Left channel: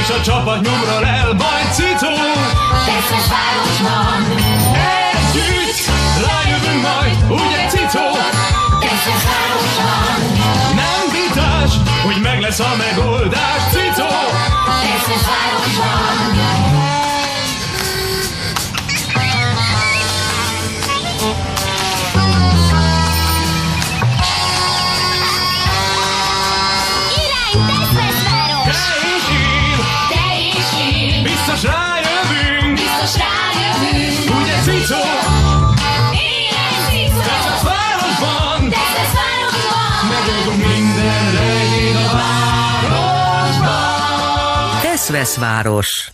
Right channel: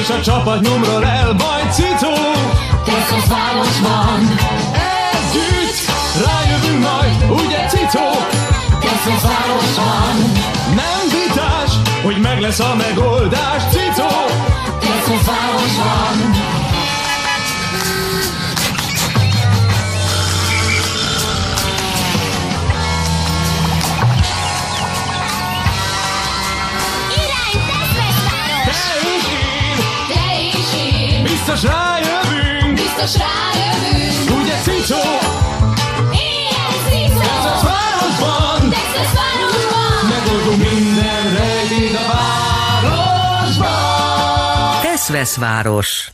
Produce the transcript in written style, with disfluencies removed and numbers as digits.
és a csapat nyomról el, majd Cicó. Tesztesvárosban Együtt rájövünk majd, ugye Cicó? Tesztesvárosban Nem vitás, hogy meg lesz a megoldás, Cicó. Tesztesvárosban Biztos rájövünk, ugye Cicó? Tesztesvárosban megoldunk minden rejtét a városban. Teszveszváros.